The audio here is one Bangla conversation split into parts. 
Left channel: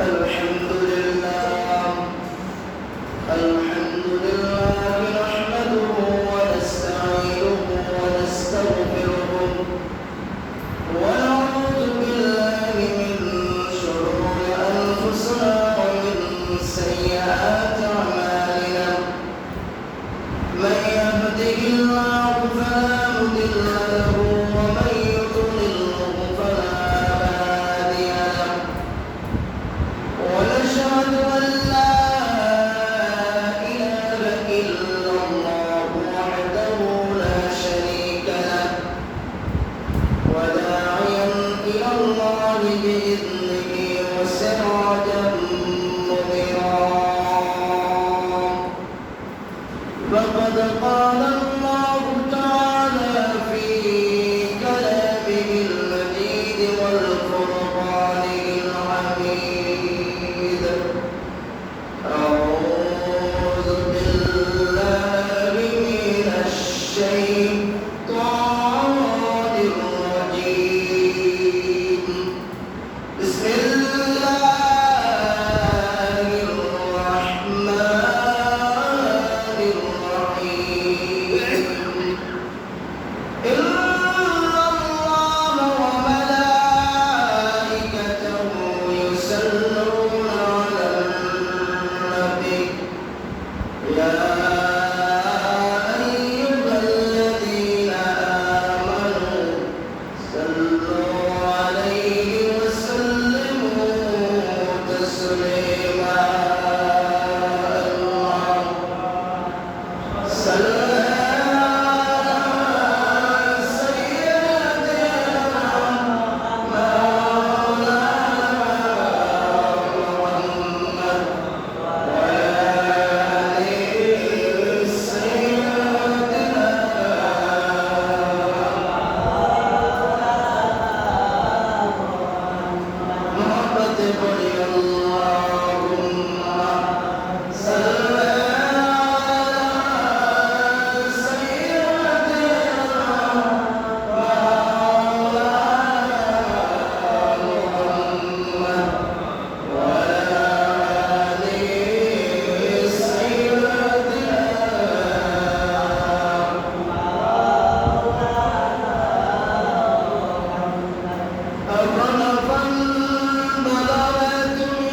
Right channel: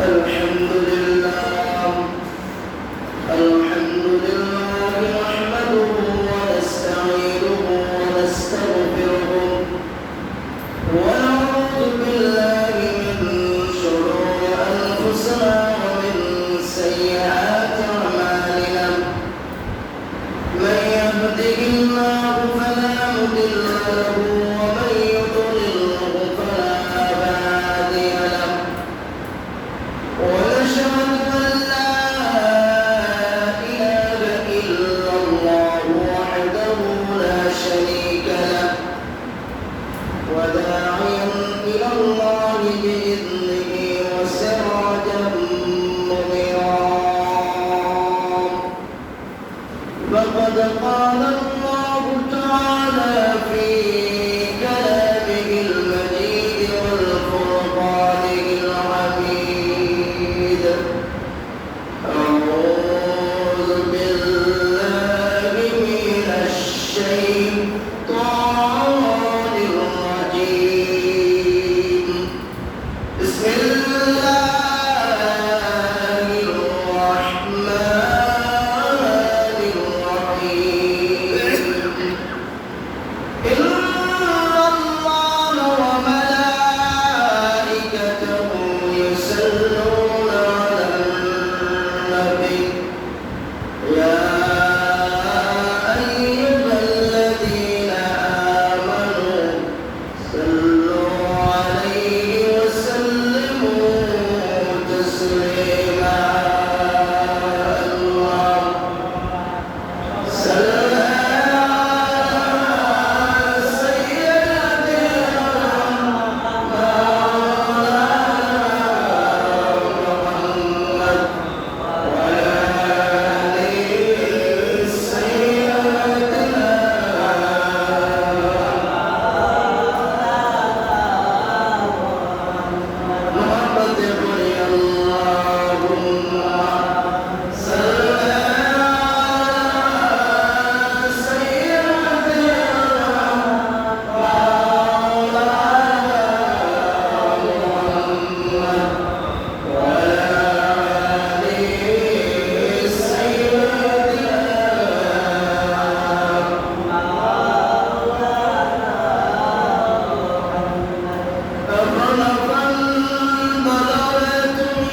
الحمد لله الحمد لله نحمده ونستعينه ونستغفره ونعوذ بالله من شرور أنفسنا ومن سيئات أعمالنا من يهده الله فلا مضل له ومن يضلله فلا هادي له ونشهد أن لا إله إلا الله وحده لا شريك له وداعيا إلى الله بإذنه وسراجا منيرا فقد قال الله تعالى في كلامه المجيد والفرقانه الحميد أعوذ بالله من الشيطان الرجيم بسم الله الرحمن الرحيم إن الله وملائكته يصلون على النبي يا أيها الذين آمنوا صلوا عليه وسلموا تسليما اللهم صل أفنفن بلغتم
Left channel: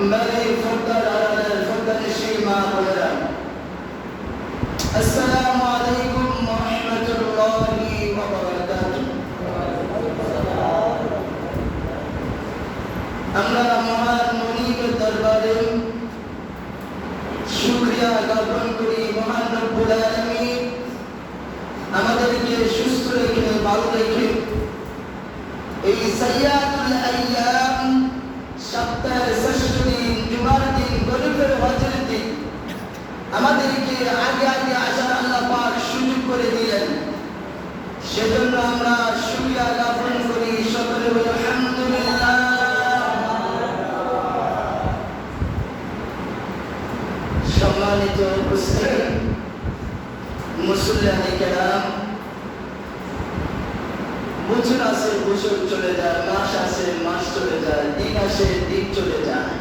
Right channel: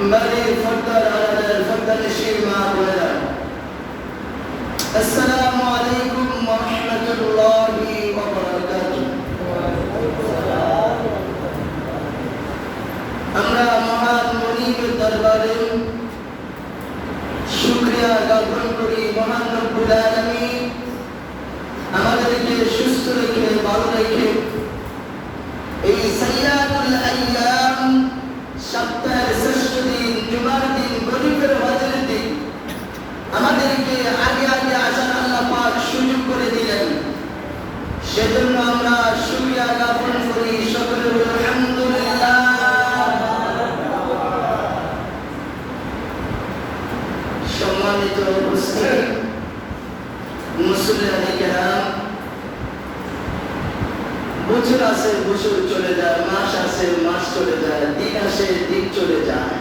بني فضل على الفضل الشيء ما قلنا. السلام عليكم ورحمة الله وبركاته. আমরা মহান মনিকের দরবারে শুকরিয়া জ্ঞাপন করি। মহান রব্বুল আলামিন আমাদেরকে সুস্থ রেখে ভালো রেখে এই সাইয়াদুল আইয়াম সপ্তাহের ষষ্ঠ দিন জুমার দিন গরিবের হজের দিন আমাদেরকে আগে আগে আসার আল্লাহ পাক সুযোগ করে দিলেন। সেজন্য আমরা শুকরিয়া জ্ঞাপন করি। সকলে বলি আলহামদুলিল্লাহ। সম্মানিত উপস্থিতি মুসল্লিয়ানে কেরাম, বছর আসে বছর চলে যায়, মাস আসে মাস চলে যায়, দিন আসে দিন চলে যায়।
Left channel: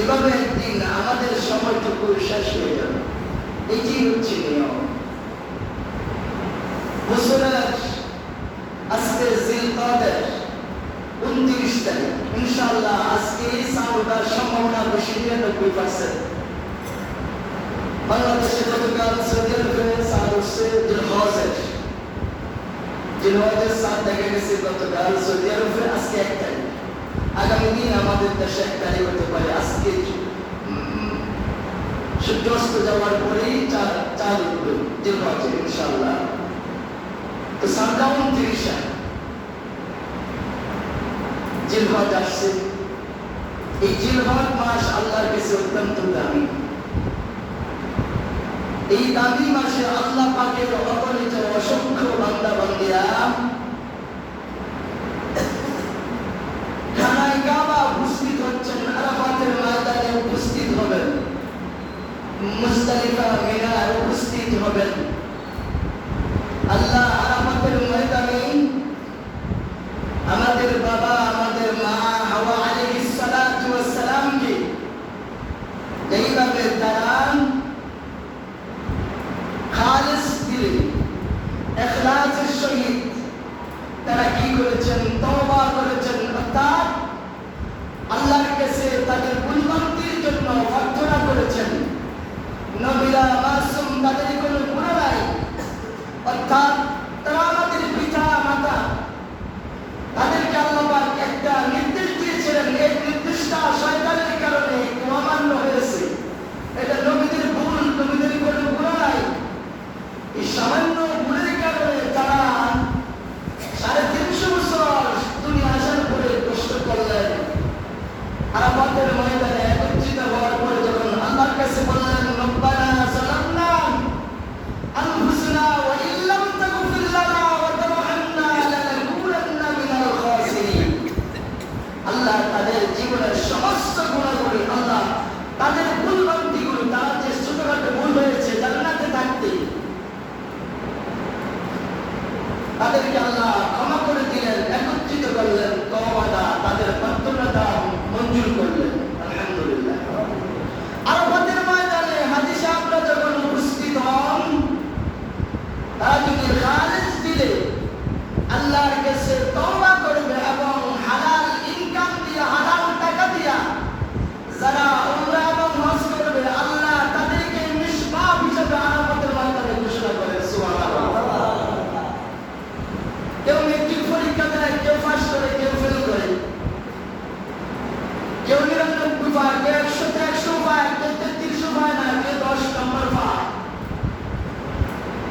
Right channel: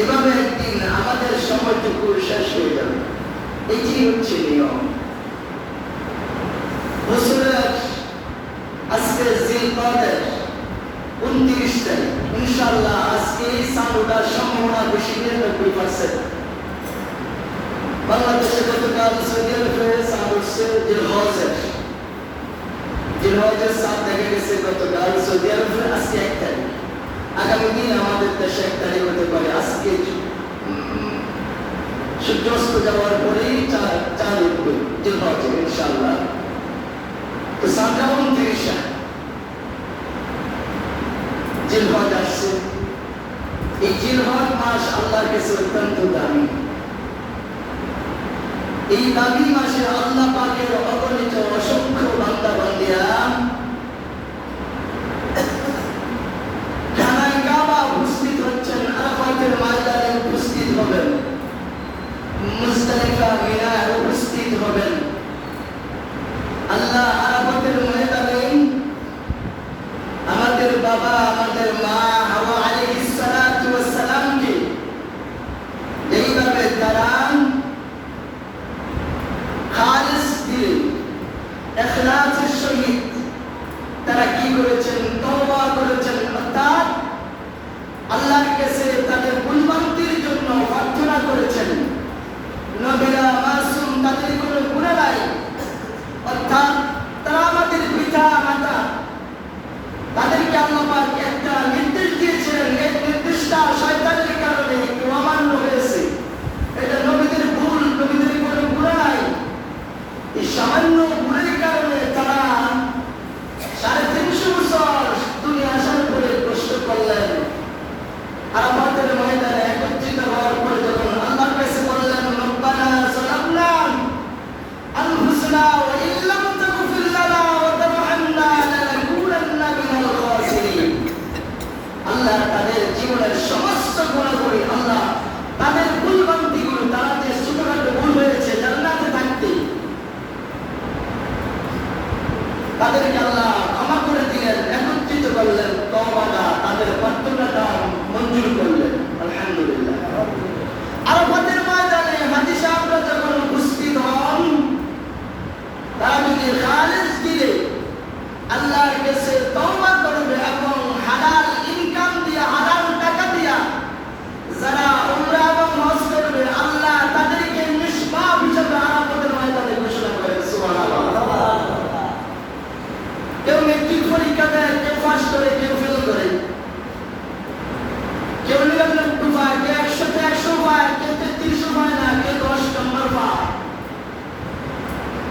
এভাবে একদিন আমাদের সময়টুকু শেষ হয়ে যাবে। এটি হচ্ছে নিয়ম। বছরের আজকে জিলকদের 29 তারিখ, ইনশাআল্লাহ আজকে সাউদার সম্ভাবনা বেশি 99%। বাংলাদেশে গতকাল সৌদি আরবে সাদ হচ্ছে জিলহজের 7 দেখে গেছে গতকাল সৌদি আরবে। আজকে 1 তারিখ, আগামী দিন আমাদের দেশে 1 তারিখ হতে পারে। আজকে সূর্যাস্ত যাওয়ার পরেই চাঁদ উঠবে জিলহজে ইনশাআল্লাহ। তো সামনে 29 জিলহজ আসছে। এই জিলহজ মাস আল্লাহর কাছে অত্যন্ত দামি। এই দামি মাসে আল্লাহ পাকের অগণিত অসংখ্য বান্দা বান্দিরা খানায় কাবা উপস্থিত হচ্ছেন, আরাফাতের ময়দানে উপস্থিত হবেন, মুজদালিফা মিনায় উপস্থিত হবেন। আল্লাহ আরাফাতের ময়দানে আমাদের বাবা আমাদের মা হাওয়া আলাইহিস সালাতু ওয়াস সালামকে এইভাবে দাঁড়ান খালিস দিলে ইখলাসের সহিত তারা কি করেছেন? তওবা করেছেন, অর্থাৎ আল্লাহর কাছে তাদের ভুলভ্রান্তির জন্য প্রার্থনা করেছেন। নবীরা মাসুম, তাদের কোনো গুনাহ নাই, অর্থাৎ তারা আমাদের পিতা মাতা, তাদেরকে আল্লাহ পাক একটা নির্দেশ দিয়েছিলেন। এই নির্দেশটা শয়তানের কারণে একটু অমান্য হয়েছে। এটা নবীদের ভুল, নবীদের কোনো গুনাহ নাই। এই সামান্য ভুলের কারণে তারা 350 বছর দুনিয়া আসার পরে কষ্ট করলেন। আরাফাতের ময়দানে একত্রিত হওয়ার পরে যখন আল্লাহর কাছে বললেন, রব্বানা যালামনা আনফুসানা ওয়া ইল্লাম তাগফির লানা ওয়া তারহামনা লানাকুনান্না মিনাল খাসিরিন। আল্লাহ তাদের জীবনের সমস্ত গুনাহগুলি, আল্লাহ তাদের ভুলভ্রান্তিগুলো, তারা যে ছোটখাটো ভুল হয়েছে জান্নাতে থাকতে, তাদেরকে আল্লাহ ক্ষমা করে দিলেন, একত্রিত করলেন, তওবাটা তাদের প্রার্থনাটা মঞ্জুর করলেন। আলহামদুলিল্লাহ। আরাফাতের ময়দানে হাজী সাহেবরা যখন উপস্থিত হন, তারা যদি খালিস দিলে আল্লাহর কাছে তওবা করবে এবং হালাল ইনকাম দিয়ে, হালাল টাকা দিয়া যারা উমরা এবং হজ করবে, আল্লাহ তাদেরকে নিষ্পাপ হিসেবে আরাফাতের ময়দানে ঘোষণা করেন। সুবহানাল্লাহ। কেউ মেট্রিক পরীক্ষা দেয়, কেউ পাস করে, কেউ ফেল করে, কেউ 99 পায়, কেউ 100তে 100 পায়, কেউ 33 পায় না, কেউ 10 নম্বর পায়।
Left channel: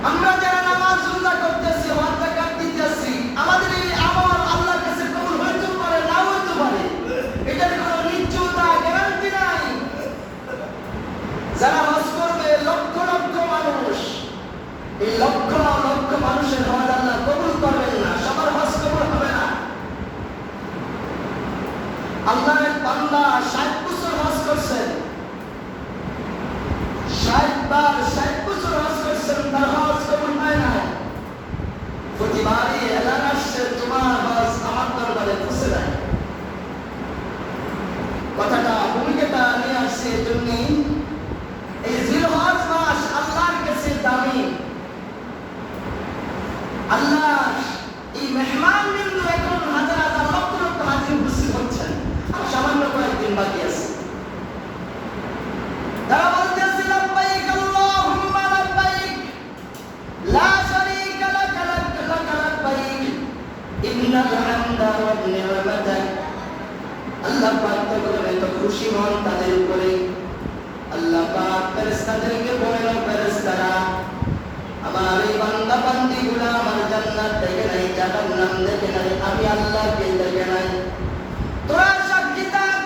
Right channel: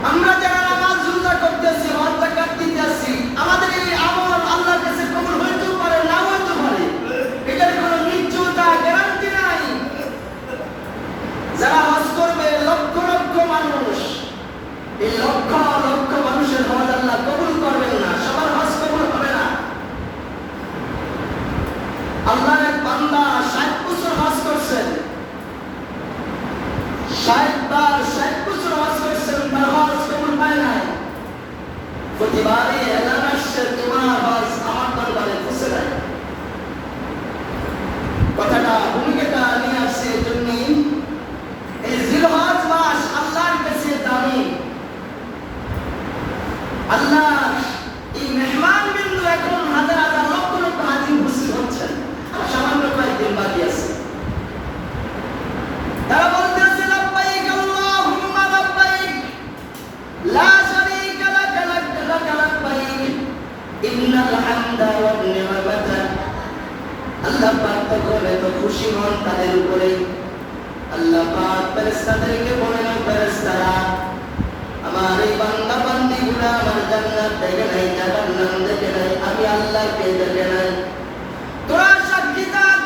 আমরা যারা নামাজ রোজা করতেছি, হজ যাকাত দিতেছি, আমাদের এই আমল আল্লাহর কাছে কবুল হইতে পারে, না হইতে পারে, এটার কোনো নিশ্চয়তা, গ্যারান্টি নাই। যারা হজ করবে লক্ষ লক্ষ মানুষ, এই লক্ষ লক্ষ মানুষের হজ আল্লাহ কবুল করবেন না, সবার হজ কবুল হবে না। আল্লাহর বান্দা 60 বছর হজ করছেন, 60 বার 60 বছর হজ করছেন, তার হজ কবুল পায় না। প্রতিবারই এলান আসছে, তোমার হজ আমার দরবারে পৌঁছে নাই। কথাটা ভূমিকাটা নিয়ে আসছে এজন্য এই জিলহজ মাস আল্লাহর কাছে দামি। আল্লাহ এই মেহমান বিন্দু এখন হাজার হাজার লক্ষ লক্ষ হাজির উপস্থিত হচ্ছেন। আর সামান্য কয়েকদিন বাকি আছে। আল্লাহ পাক তখন এত খুশি হন তাদের উপরে। আল্লাহ পাক ফেরেশতাদেরকে বলেন, ফেরেশতারা আমার এই বান্দা বান্দীগুলো আমার জান্নাত দেখে নাই, জাহান্নাম দেখে নাই, আমি আল্লাহকে দেখে নাই, তোরা সাক্ষী থাক।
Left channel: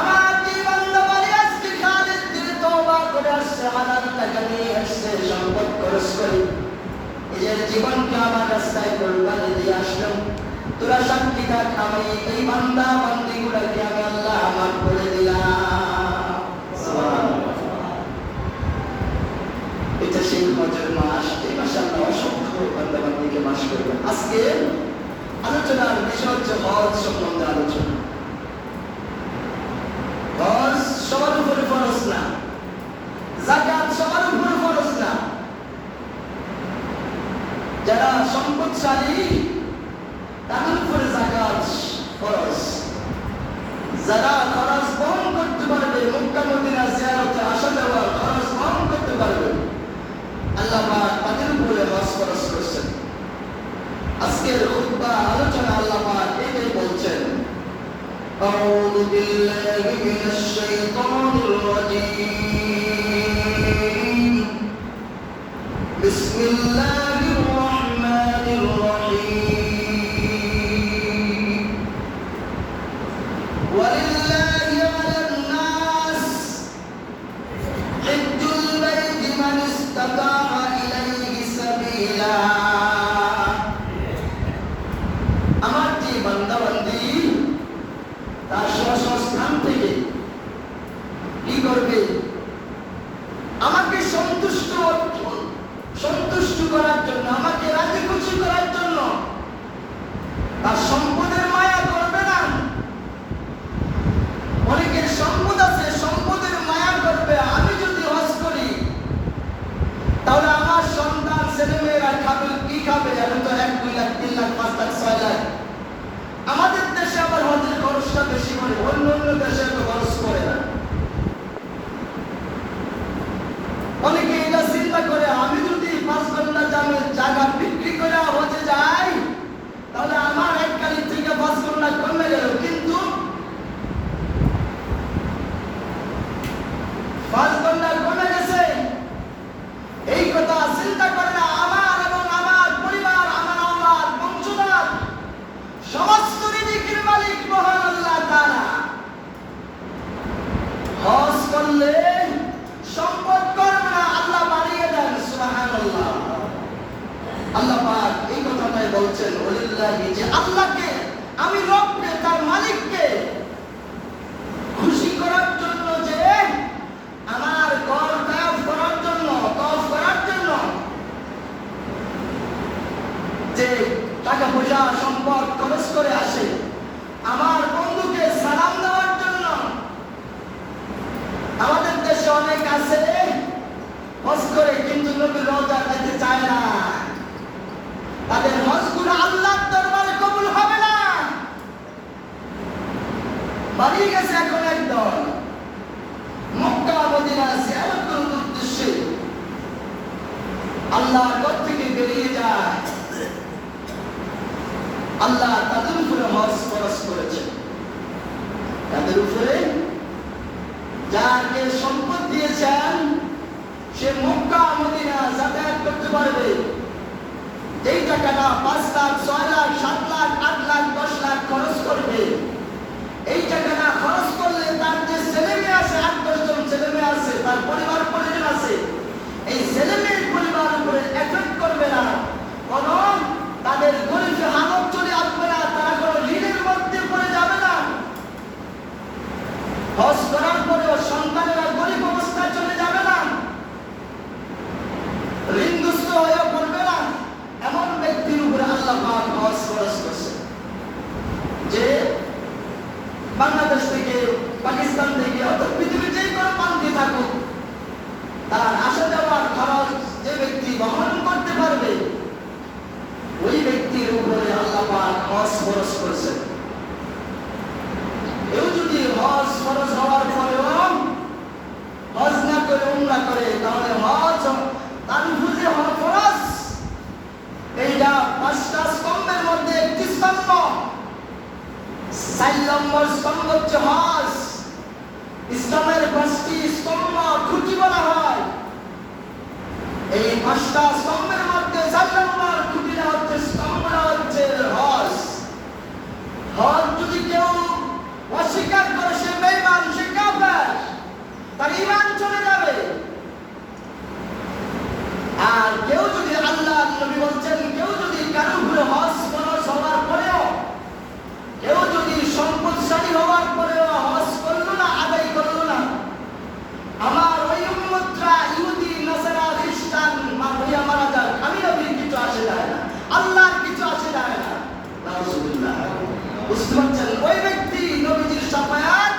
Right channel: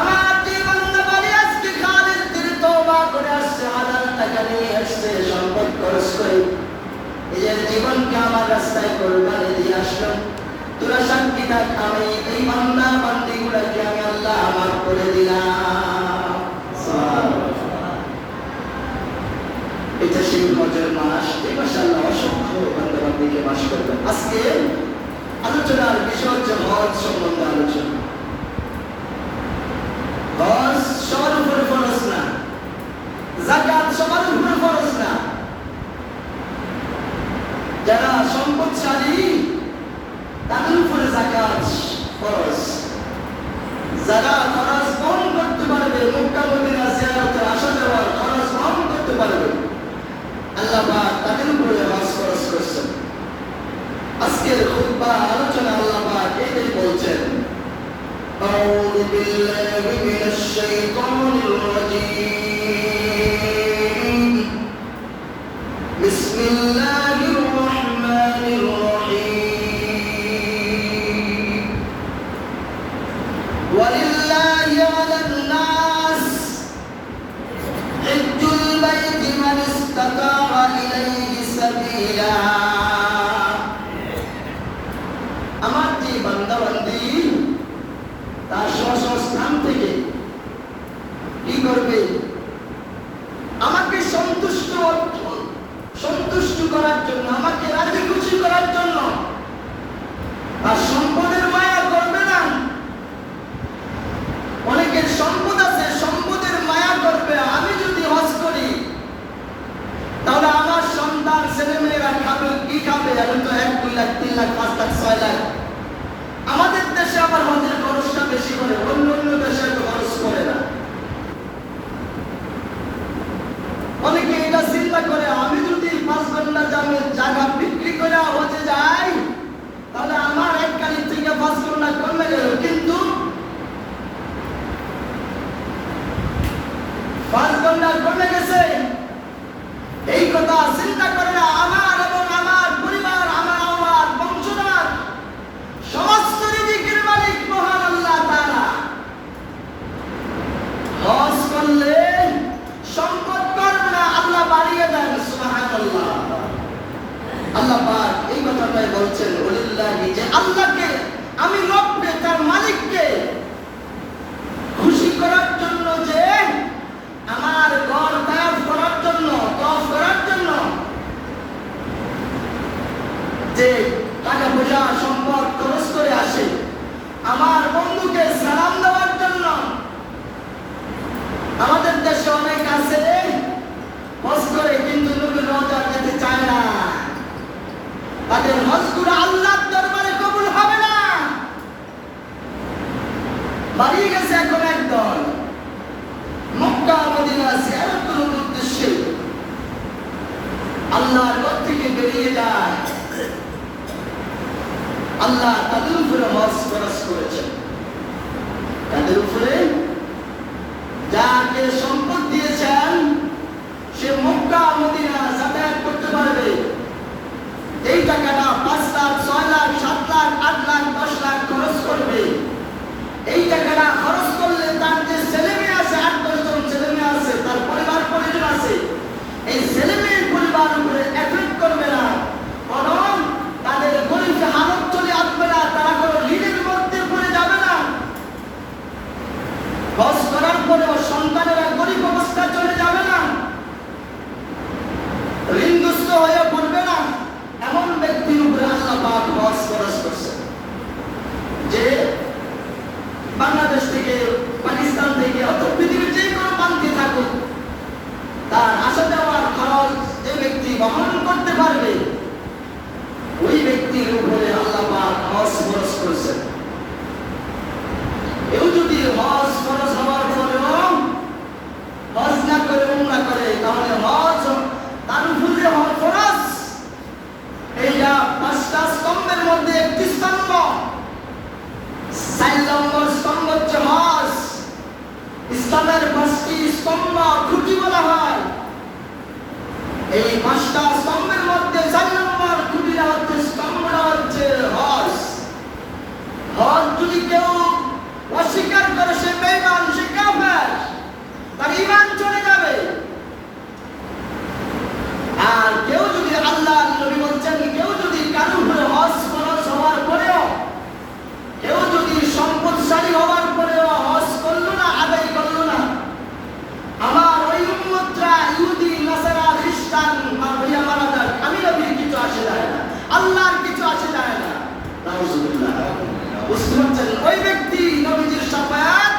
আমার যে বান্দা বাড়ি আজকে খালিদ দিলে তওবা করে আসছে, হালাল টাকা নিয়ে আসছে, সম্পদ খরচ করে নিজের জীবনকে আমার রাস্তায় কোরবানি দিয়ে আসলাম, তোরা সাক্ষী থাক, আমি এই বান্দা বান্দীগুলোকে আমি আল্লাহ মাফ করে দিলাম। এটা সেই হজের মাস, এই মাসে আল্লাহ অসংখ্য বান্দা বান্দীকে মাফ করবেন। আজকে আলোচনার বিষয় হচ্ছে হজ সম্বন্ধে আলোচনা। হজ সবার উপরে ফরজ না, যাকাত সবার উপরে ফরজ না। যারা সম্পদশালী তাদের উপরে যাকাত ফরজ, যারা খরচ বহন করতে পারবে, মক্কা মদিনা জিয়ারতে আসা যাওয়ার খরচ বহন করতে পারবে, আল্লাহ পাক তাদের উপরে হজ খরচ করছেন। আজকের খুতবা আলোচনা আল্লাহ পাক এটাই বলছেন, আউযু বিল্লাহি মিনাশ শাইতানির রাজীম, বিসমিল্লাহির রাহমানির রাহিম, ওয়ালিল্লাহি আলান নাস হিজ্জুল বাইতি মান ইসতাতা ইলাইহি সাবিলা। আমার যে বান্দা বান্দী তার স্বস্থান থেকে কি করবে? আমাকে সন্তুষ্ট করার জন্য, আমাকে রাজি খুশি করার জন্য তার সম্পদের মায়া করবে না। অনেকের সম্পদ আছে, সম্পদের মায়া করবে। আমি যদি হজ করি তাহলে আমার সন্তান ছেলেমেয়েরা খাবে, কি খাবে? আমি তো 1, 2 লাখ, 3 লাখ, 5 লাখ, 6 লাখ। আমাদের দেশে আবার হজের খরচটা বেশি করে, অন্য অন্য দেশে তো খরচ করে না। অনেকে এটা চিন্তা করে, আমি যদি 5 ঘন্টা জায়গা বিক্রি করে হজে যাই তাহলে আমার 1 কালি থেকে 5 ঘন্টা কমে গেল। কিন্তু 5 ঘন্টা কমে গেছে এই কথা চিন্তা করে না। আমার এবং আমার পরিবার, আমার বংশধর, সমস্ত রিজিকের মালিক মহান আল্লাহ তাআলা। হজ করলে সম্পদ করবে না, আল্লাহ বাড়িয়ে দেন। সুবহানাল্লাহ। আল্লাহ পাক এই কথাটাই বলছেন, ওয়ালিল্লাহি, যে আল্লাহকে, আমি রবকে, তার মালিককে খুশি করার জন্য, যে আমার ঘর তওয়াফ করার জন্য, যে টাকা পয়সা সম্পদ খরচ করে আসে, আমার বন্ধুকে সালাম দেওয়ার জন্য। আমাদের দেশে অনেক আছে হজ করে কিন্তু নবীর রওজা যেতে চায় না। তাদের হজগুলো আল্লাহর দরবারে কবুল হবে না। বাড়ি গেছে এখন একদল মক্কা মদিনা জিয়ারত করার উদ্দেশ্যে, আল্লাহর ঘর থেকে বেরিয়ে যায়। আল্লাহ তাদের উপরে হজ ফরজ করেছেন। তাদের উপরে যাকে সম্পদ দিয়েছেন সে মক্কা মদিনা যাতায়াত করতে পারবে। এই টাকাটা 5 লাখ, 6 লাখ, 7 লাখ, 8 লাখ, 10 লাখ খরচ করবে। এই টাকাটা খরচ করলে তার যে ছেলে মেয়ে আছে, 8-10 জন ছেলে মেয়ে আছে, তার পরিবার পরিজন আছে, এই ছেলে মেয়ের পরিবার উপরে এফেক্ট করবে না, বরং তাদের গরিব হালত চলে আসবে না। তারা কোনো ঋণের 4 নম্বর স্তম্ভ হচ্ছে হজ। ইসলামের 5টি স্তম্ভ খুঁটি বলা হয়। এই 5টা স্তম্ভের মধ্যে 4 নম্বর খুঁটিটা হচ্ছে স্তম্ভটা হচ্ছে হজ। হজ যদি কেউ অস্বীকার করে সে বেঈমান, সে কাফের, তার ঈমান চলে যাবে। আর কেউ যদি, আল্লাহ নবী বলছেন, কেউ যদি কারো উপরে হজ ফরজ হওয়ার পরেও, কেউ যদি সম্পদশালী হওয়ার পরেও হজ করলো না, আদায় করলো না, আমার ওই উম্মতরা ইহুদি, নাসারা, খ্রিস্টান মারা যাক, আমি নবীর কিছু আসে যায় না, আল্লাহর কিছু আসে যায় না। নাউজুবিল্লাহ। বুঝতে পারছেন? ওই ব্যক্তি নবীজির শাফায়াত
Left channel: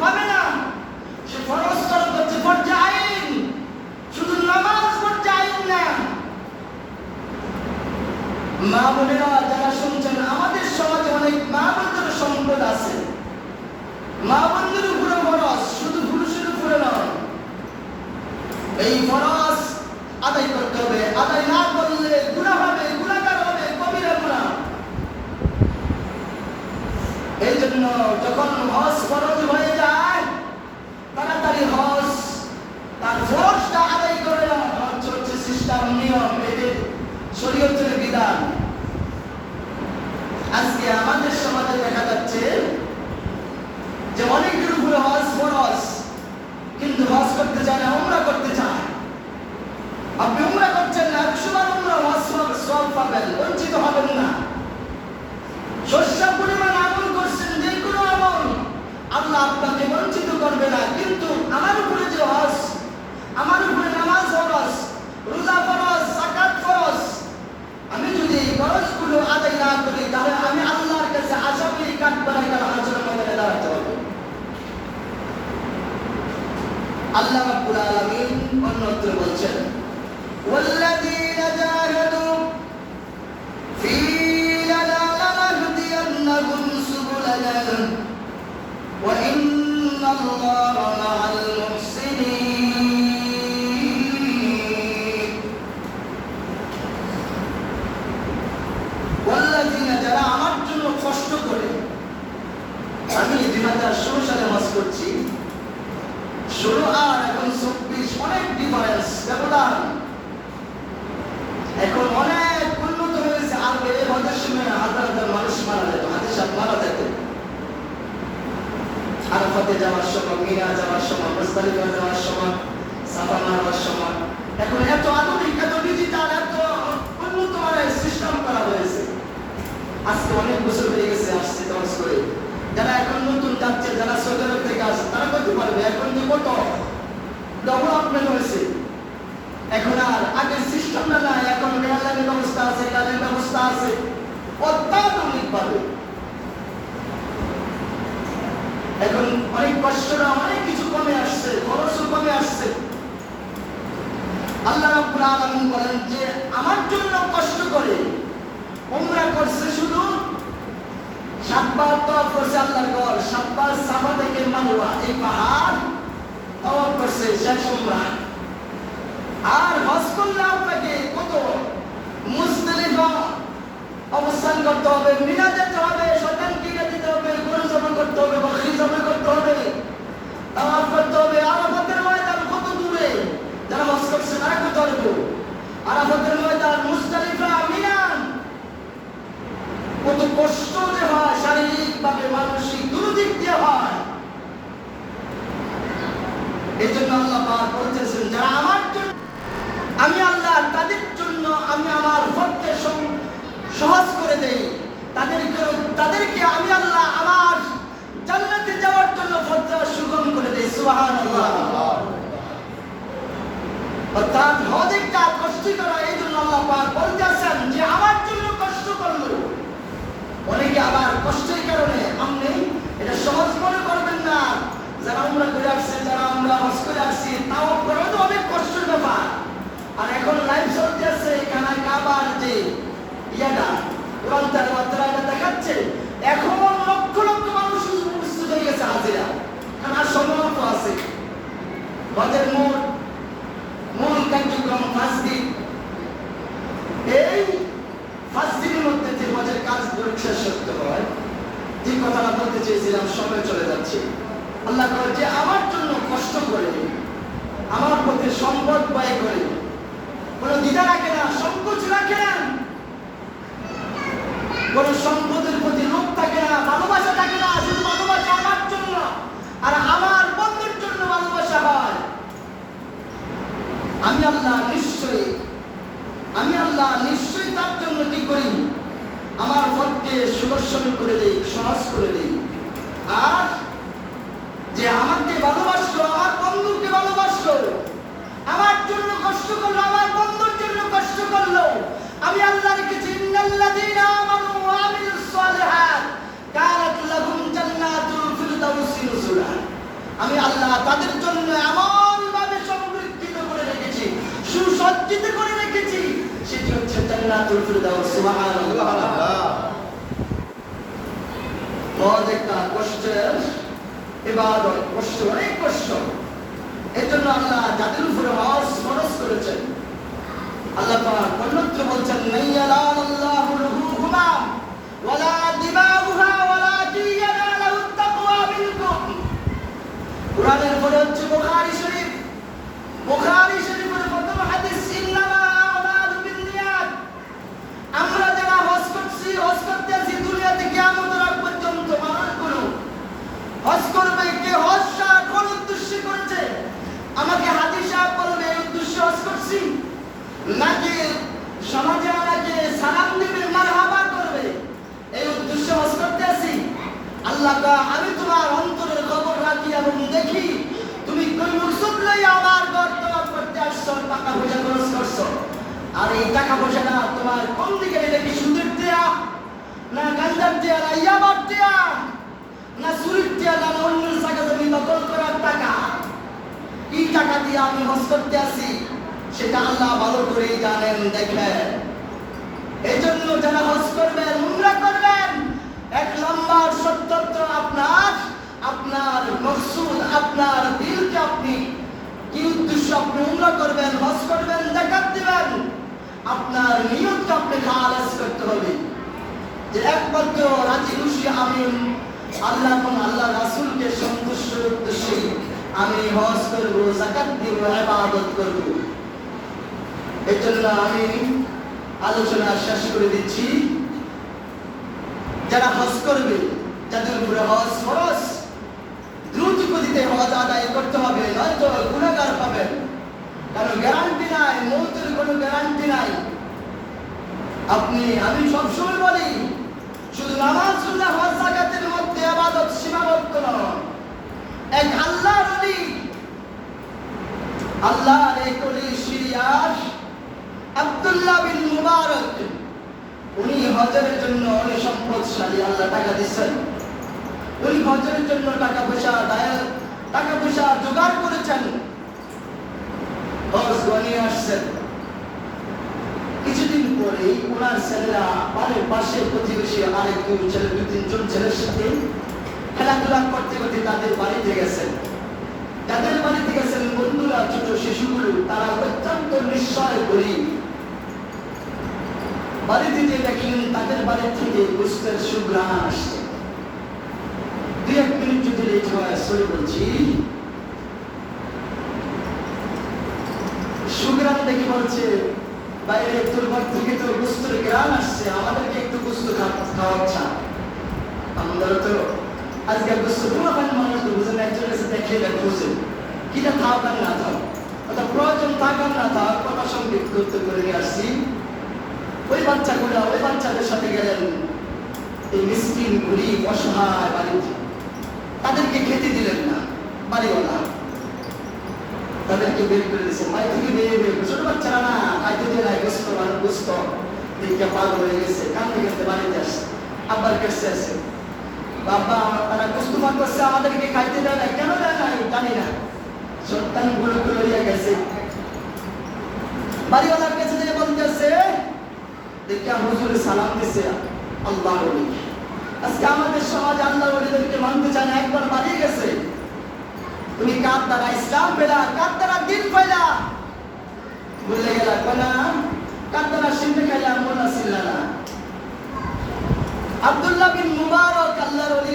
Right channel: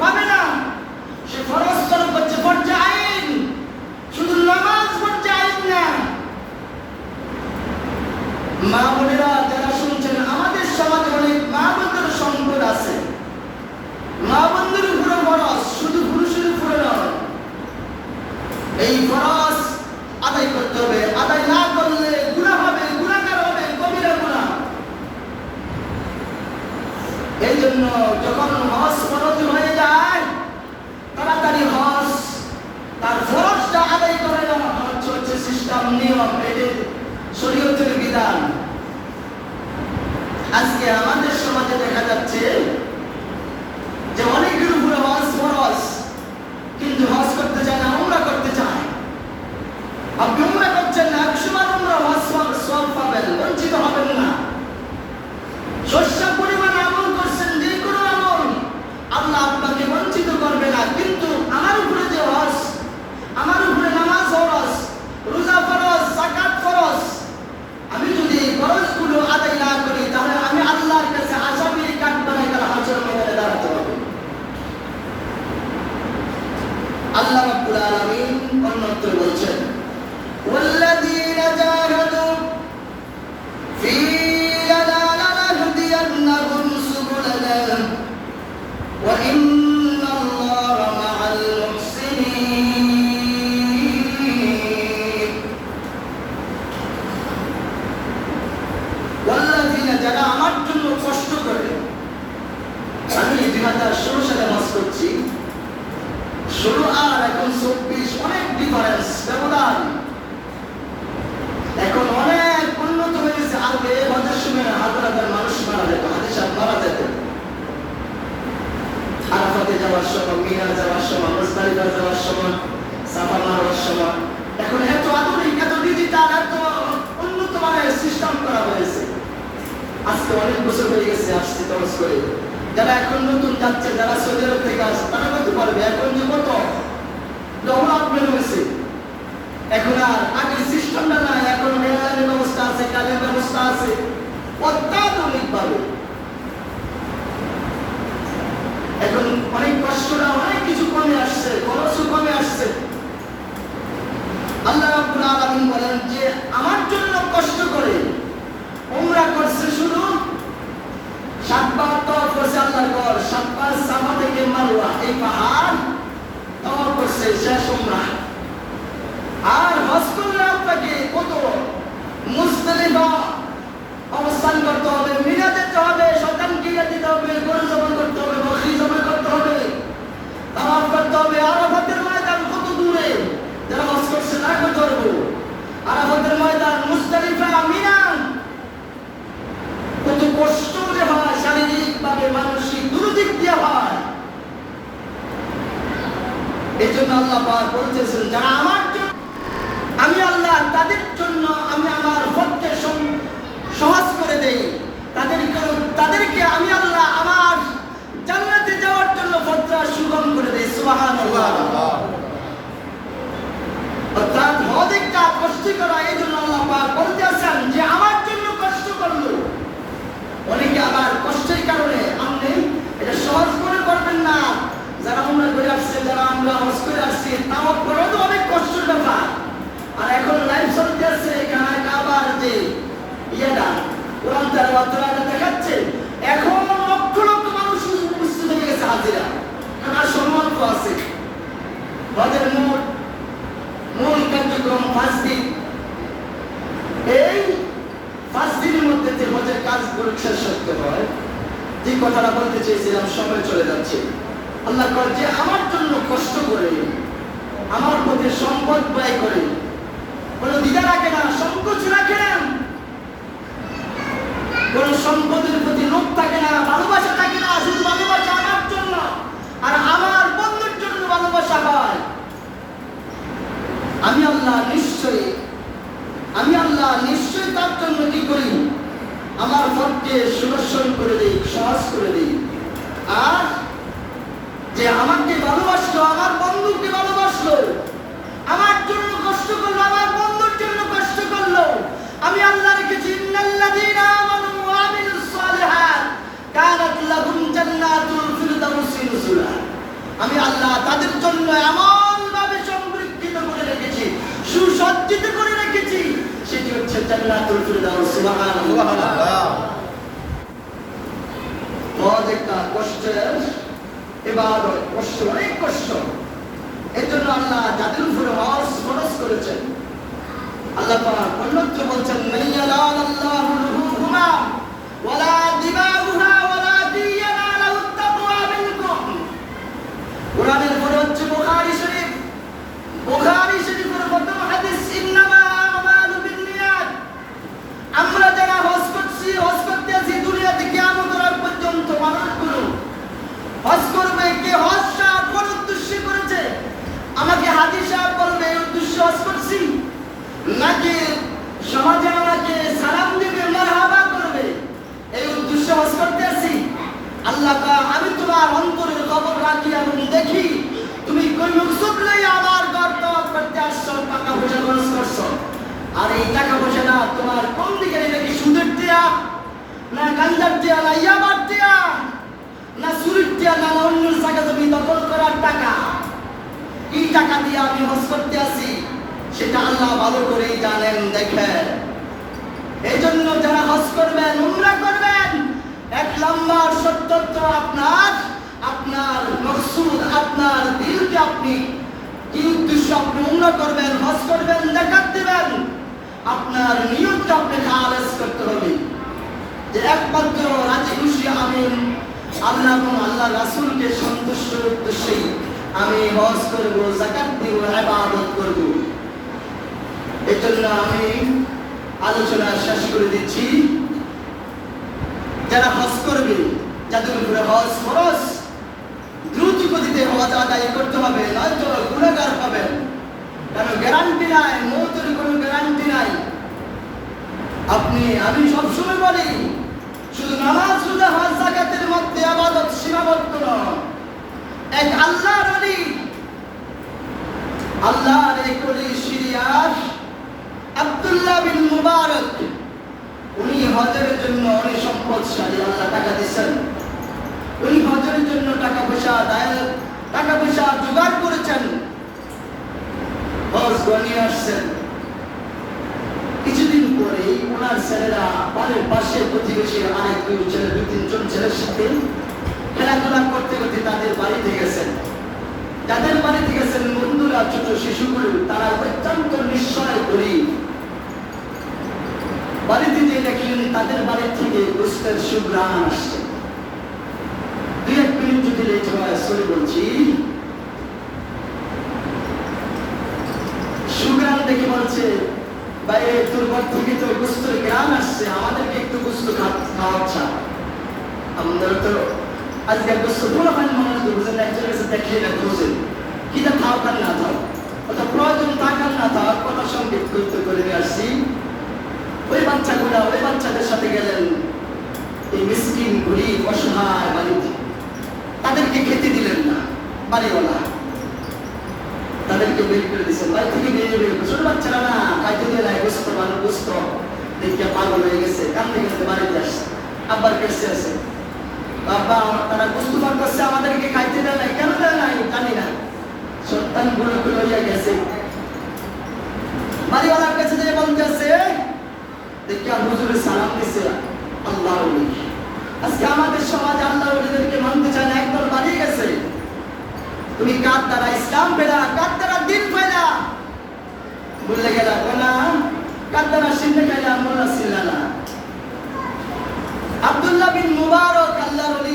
পাবে না। সে ফরজ করছে ফরজে আইন, শুধু নামাজ ফরজে আইন না। মা বোনেরা যারা শুনছেন, আমাদের সমাজে অনেক মা বোনদের সম্পদ আছে। মা বোনদের উপরে ফরজ, শুধু পুরুষের উপরে নয়। এই ফরজ আদায় করতে হবে। আদায় না করলে গুনাহ হবে, গুনাহগার হবে, কবিরা গুনাহ। এই জন্য যখন হজ ফরজ হয়ে যায়, তাড়াতাড়ি হজ তার ফরজটা আদায় করে না। হচ্ছে সিস্টেম, নিয়ম, এদের শরীয়তের বিধান। আজকে আমাদের সমাজে দেখা যাচ্ছে যে অনেকের উপরে হজ ফরজ, কিন্তু হজ করতে চায় না, উমরা করতে চায়। আপনি উমরা করছেন না, 100 বার উমরা হজ সওয়াব পাবেন, বঞ্চিত হবেন না। শস্য পরিমাণ আমল করছেন, যে কোনো আমল, আল্লাহ আপনাকে বঞ্চিত করবে না। কিন্তু আমার উপরে যে হজ, আমার উপরে নামাজ ফরজ, রোজা ফরজ, যাকাত ফরজ, আমি যদি এই ফরজগুলো আদায় না করি, তাহলে আমি আল্লাহর কাছে আসামির কাঠগড়ায় কাল হাসরের ময়দানে দাঁড়াতে হবে। আল্লাহ রাব্বুল আলামিন অন্যত্র বলছেন, ওয়াল্লাযীনা জাহাদু ফীনা লানাহদিয়ান্নাহুম সুবুলানা ওয়া ইন্নাল্লাহা মা'আল মুহসিনিন। ওয়াল্লাযীনা, যারা আমার জন্য কষ্ট করে। আমি 2016 সালে হজ করছি। 16 আর এখন 24 অনেক ডিফারেন্স, ব্যবধান। এখন অনেক উন্নত হয়ে গেছে। আগে হজের সময় হাজার হাজার মানুষ মারা যেত, হাজির সাহেব মারা যেত। আরাফাতে যাওয়ার সময়, মিনা যাওয়ার সময়, মুজদালিফা যাওয়ার সময়, সাফা মারার সময়। এখন এত আধুনিক, এত ডিজিটাল, এত উন্নত মানের সিস্টেম করা হয়েছে। আজকে অনেক বছর হয়ে গেছে আসছে হজ করে। যারা এখন নতুন যাচ্ছে, যারা সৌদি আরব থেকে আসছে, তারা করতে পারবে। এখন যে কত ডেভেলপমেন্ট হয়েছে, এখন আর আগের সিস্টেমটা নাই। এখন রেললাইনের ব্যবস্থা আছে, গাড়ির ব্যবস্থা আছে, অত্যাধুনিক ভাবে। এখন অনেক কষ্টটা, অনেক কিছু কমে আসছে, খরচও কমে আসছে। আল্লাহ রাব্বুল আলামিন বলেন যে আমার জন্য কষ্ট করে উমরা করছে, শুধু 7 বার তাওয়াফ করছে আল্লাহর ঘর, 7 বার সাফা থেকে মারওয়া, এই পাহাড় তাওয়াফ করছে, শেষ উমরা। আর হজ করলে আপনাকে কত মুজদালিফা অবস্থান করতে হবে, মিনা যেতে হবে, শয়তানকে যেতে হবে, গরু জবাই করতে হবে, বকরি জবাই করতে হবে, তাওয়াফ করতে হবে। আরাফাতের ময়দান কত দূরে, যারা হজ করছে না করতে পারবো। আরাফাতের ময়দান, মুজদালিফা, মিনা, কত কষ্ট যে হয়, শারীরিক ভাবে, মানসিক দুর্দিক দিয়ে হয়। এই জন্য আল্লাহ পাক বলতেছেন, যারা আমার জন্য, আমি আল্লাহ তাদের জন্য আমি আমার পথকে সহজ করে দেই। তাদেরকে আমি আল্লাহ আমার জান্নাতে যাওয়ার জন্য পথটা সুগম করে দেই। সুবহানাল্লাহ। অর্থাৎ হজ একটা কষ্ট করা। এই জন্য আল্লাহ পাক বলতেছেন যে আমার জন্য কষ্ট করলো। অনেকে আবার কষ্টের কারণে আপনি এটা সহজ মনে করবেন না। যারা উমরা করে আসছে, যারা আমরা হজ করে আসছি, তাও করা তো অনেক কষ্টের ব্যাপার। আর এখন লাইভ চলতে আছে, কাবার যে ইয়েটা কোরআন তেলাওয়াত দেখাচ্ছে, এখন কথাটা বলতে চেয়েছিলাম, সময় চলে যাচ্ছে। আল্লাহ কয় যে আমার জন্য কষ্ট করে, আমার প্রতি সম্পদ ব্যয় করে, কোনো দ্বিধা রাখে না, সংকোচ রাখে না, কোন সম্পদের প্রতি লোভ থাকে না, ভালোবাসা থাকে না, শুধু ভালোবাসা আমার জন্য আর আমার বন্ধুর জন্য ভালোবাসা হয়। আমি আল্লাহ নিশ্চয়ই তার জন্য কি করি, আমার পথকে সুদর্শন করে দেই, সহজ করে দেই। আর যে আমাকে ভালোবাসলো, আমার বন্ধুকে ভালোবাসলো, আমার জন্য কষ্ট করলো, আমার বন্ধুর জন্য কষ্ট করলো, আমি আল্লাহ রেখেছি ইন্নাল্লাযীনা আমানু ওয়া আমিলুস সালিহাত কানাত লাহুম জান্নাতুল ফিরদাউসি নুজুলা। আমি আল্লাহ তাদের জন্য এমন ভাবে সংরক্ষিত করে রেখেছি, সুসজ্জিত করে রেখেছি, সেটি হচ্ছে জান্নাতুল ফিরদাউস। সুবহানাল্লাহ। বহুত একটা কষ্টের ইবাদত, কষ্ট, অনেক কষ্ট। এর জন্য আল্লাহ যাদের উপরে হজ ফরজ করেছেন, আল্লাহ পাক অন্যত্র বলছেন মাইয়ালাল্লাহু রুহুহুমা ওয়ালা দিমাউহা ওয়ালাকিন ইয়ানালুত তাকওয়া মিনকুম। কুরআনের পরে হচ্ছে বুখারী শরীফ। বুখারী শরীফের প্রথম হাদিস ইন্নামা আমালু বিন্নিয়াত। আমরা যারা হজ করছি, হজ করতে আছি, দুনিয়াতে কিয়ামতের আগ পর্যন্ত মানুষগুলো হজ করবে। কে হজটা কোন উদ্দেশ্যে করেছে? আমাকে হাজী সাহেব বলবে এই উদ্দেশ্যে হজ করছি, নাকি সমাজে আমাকে সালাম দিবে, মারহাবা করবে, এই উদ্দেশ্যে হজ করতে আছি? আল্লাহ আমি তোমার অন্তরের খবর রাখি এবং দেখি তুমি কোন মকসুদ লইয়া আমার ঘর তওয়াফ করতে আসছো, টাকা পয়সা খরচ করছো। আর এই টাকা পয়সা না তোমার কোন দিকে, এটা কি সুদের দেয়া, না গাঞ্জার দেয়া, না ইয়াবার দেয়া, না চুরির দেয়া, না অন্য জায়গা জমি দখল করার টাকা? কি টাকা দিয়ে আমি হজ করতে আসি সেটা আল্লাহ ভালো করেই জানেন, দেখেন। এই জন্য যারা হজ করবেন, উমরা করবেন, এক নম্বর সত্যত্ব আপনার মকসুদ, আপনার দিলকে আপনি কি উদ্দেশ্য আপনি উমরা করবেন, হজ করবেন, যাকাত দিবেন, আপনার নিয়তটা আপনি খালেস করতে হবে যে একমাত্র রাজি খুশি আমি আল্লাহ এবং আল্লাহ রাসূলকে সন্তুষ্টের উদ্দেশ্যে আমি হজ করব, যাকাত দিব, ইবাদত করব। এই জন্য আমি আলোচনা শেষ করে দিচ্ছি। যারা হজ করবে, যাদের উপরে হজ ফরজ, দ্রুত গতিতে হজ আদায় করতে হবে, নয়তো গুনাহগার পাবেন। কারণ গ্যারান্টি নাই, মওতের কোনো গ্যারান্টি নাই। আমি সবসময় বলি, শুধু নামাজ, রোজা, হজ, যাকাতের মধ্যে ইবাদত সীমাবদ্ধ নয়। এক আল্লাহর ওলি, আল্লাহর এক ওলি সিরিয়ার আব্দুল্লাহ বিন মুবারক, উনি হজের জন্য অনেক সম্পদশালী, আল্লাহ টাকা দিচ্ছেন। উনি হজের জন্য টাকা পয়সা জোগাড় করেছেন, হজ গনিয়ে আসছেন। কিছুদিন পরেই ওনার ছেলেরা বাড়ির পাশে প্রতিবেশী আরেক দুই তিনজন ছেলের সাথে খেলাধুলা করতে করতে তাদের বাড়িতে গেছেন। যাদের বাড়িতে গেছেন বন্ধুরা, ছোট শিশুগুলো, তারা অত্যন্ত নিঃস্বয় গরিব। বাড়িতে যে দেখলেন তাদের বাড়ি থেকে গোশতের সুঘ্রাণ আসছে। 2-1 মিনিট যদি লেট হয়, সরি বলছি, সুঘ্রাণ দেখে বলছে, বাইরে তোর ঘর থেকে তো গোশতের ঘ্রাণ আসছে, আমাদেরকে একটু গোশত খাওয়াচ্ছা। আমাদের তো আজকাল গোশত পুরো পানি মানুষ তো বুঝেন না, একজনের কাছে দেখলে না বুঝেন কিটা খাও কার না থাক, অর্থাৎ প্রয়োজন থাকার না থাক, কথা সংকেত করতে করে নিয়ে আসছি। ওই বাচ্চাদের সাথে গেলেন এই মিসকিন গরিব অসহায় বাড়িতে। তাদেরকে খেতে দিলেন না, বাড়িওয়ালা তাদেরকে বের করে দিয়েছেন। বাড়ি থেকে বেরিয়ে ছোট বাচ্চারা না খাইতে দিয়ে নাই, গোস্ত দেখে পাগল হয়ে গেছে, কাঁদতে কাঁদতে বাড়িতে আসছে, আব্বার কাছে আসে, বাবা তারা গোস্ত পান করছে, আমাদেরকে খাইতে দেয় নাই, কেন দেয় নাই জানি না, সন্তান গুলো লইয়া গেছে। বাড়িওয়ালার কাছে যে বলতেছে, দেখে হুজুরে সালাম দিছে আল্লাহর ওলি। আজকে আমাদের সমাজ আল্লাহর ওলিদেরকে মানতে চায় না, একদল বাড়িয়ে গেছে। তুমি কার দ্বারা ইসলাম পেলা, কার দ্বারা দিন পাইলা, বলে গেলা কোনা, কার দ্বারা সিন্ধে খাইলা, মোল্লা সিল্লা না। আব্দুল্লাহ বিন মুবারক আল্লাহর ওলি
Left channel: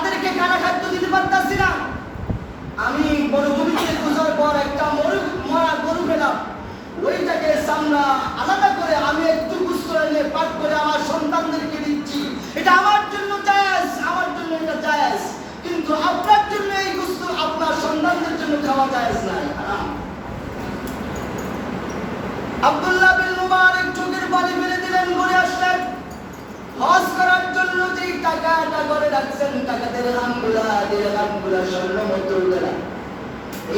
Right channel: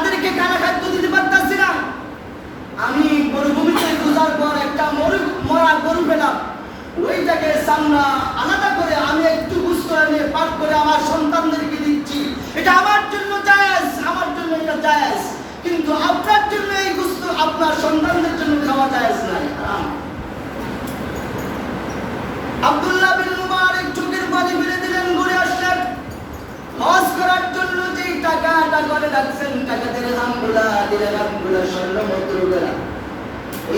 তাদেরকে খানা খাদ্য দিতে পারতাছি না। আমি মরুভূমিতে খোঁজার পর একটা মরা গরু পেলাম, ওইটাকে চামড়া আলাদা করে আমি একটু গুস্তরা নিয়ে পাক করে আমার সন্তানদেরকে দিচ্ছি। এটা আমার জন্য জায়েজ, আমার জন্য এটা জায়েজ, কিন্তু আপনার জন্য এই গুস্ত আপনার সন্তানদের জন্য খাওয়া জায়েজ নাই, হারাম। আব্দুল্লাহ বিন মুবারক চোখের পানি ফেলে দিলেন, ঘুরে আসলেন। হজ করার জন্য যেই টাকাটা করে রাখছেন, টাকা দিরহামগুলা স্বর্ণ মুদ্রাগুলা,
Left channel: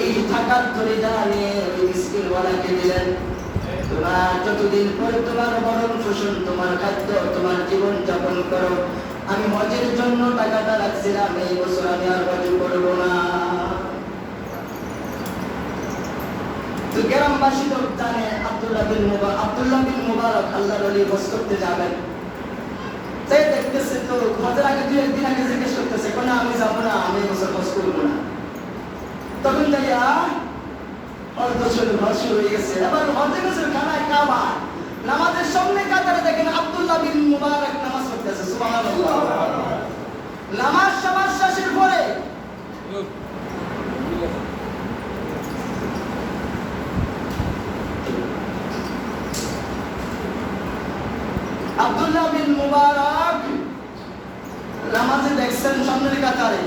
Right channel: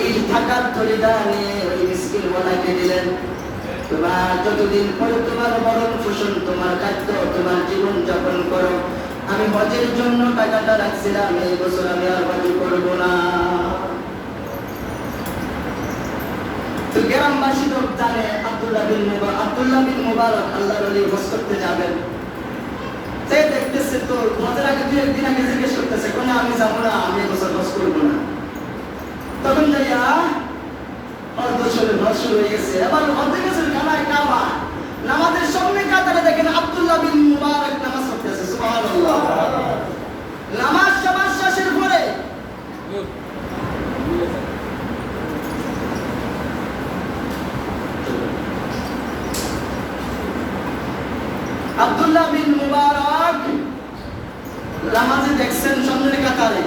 এই টাকার থলিটা নিয়ে ওই মিসকিনওয়ালাকে দিলেন। তোমার যতদিন পরে তোমার ভরণ পোষণ, তোমার খাদ্য, তোমার জীবন যাপন করো, আমি হজের জন্য টাকাটা রাখছিলাম, এই বছর আমি আর হজ করব না। তো গ্রামবাসী তো জানে আব্দুল্লাহ বিন মুবারক আল্লাহর ওলি হজ করতে যাবেন। তাই দেখতেছে তো হজের আগে 2 একদিন আগে জিজ্ঞেস করতেছে, কোন আমি যাবো না, আমি বছর হজ করবো না। তখন যাইয়া হজ শুরু হয়ে গেছে। এবার হজে গেছে খানায় কাবা, নামাজের সামনে কাতারে দেখেন আব্দুল্লাহ বিন মুবারক নামাজ পড়তেছে, সুবহানাল্লাহ। নামাজ সবার শেষের পরে আব্দুল্লাহ বিন মুবারক নামাজে দেখছেন সামনের কাতারে।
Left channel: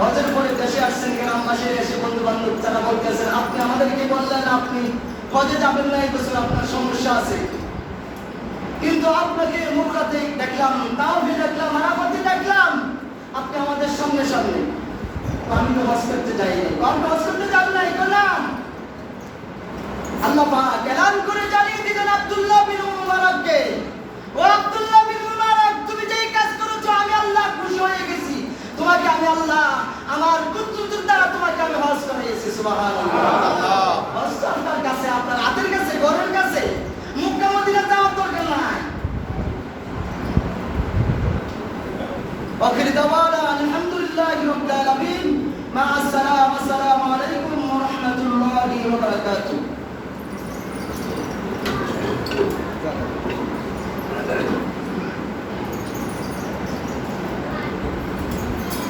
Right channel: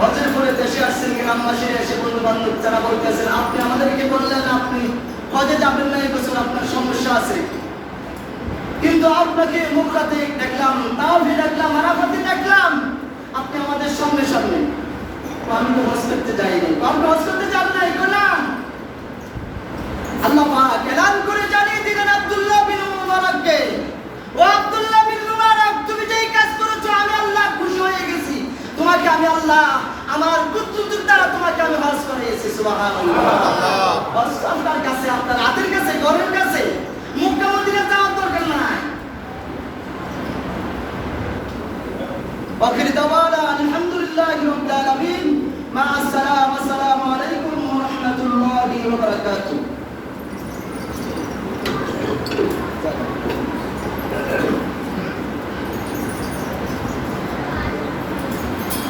হজের পরে দেশে আসছেন, গ্রামবাসী এসে বন্ধু বান্ধব যারা বলতেছেন, আপনি আমাদেরকে বললেন আপনি হজে যাবেন না, এই বছর আপনার সমস্যা আছে, কিন্তু আপনাকে মুখরাতে দেখলাম, তাওহীদ দেখলাম, আরাফাতে দেখলাম, আপনি আমাদের সামনে সামনে। আমি তো হজ করতে যাইনি। আপনি হজ করতে যান নাই কেন? আল্লাহ পাক এলান করে জানিয়ে দিলেন আব্দুল্লাহ বিন মুবারককে, ও আব্দুল্লাহ বিন মুবারক, তুমি যেই কাজ করেছো আমি আল্লাহ খুশি হয়ে গেছি, তোমাকে আমি আল্লাহ আমার কুদরতের দ্বারা তোমাকে আমি হজ করিয়েছি, সুবহানাল্লাহ। হজ আপনার কাছে, আপনার হাতের কাছে, ঘরের কাছে, মক্কা মদিনা যাওয়ার দরকার নাই। আখির দাওয়ানা আলহামদুলিল্লাহি রাব্বিল আলামিন, মা আসসালামু আলাইকুম ওয়া রাহমাতুল্লাহি ওয়া বারাকাতুহু।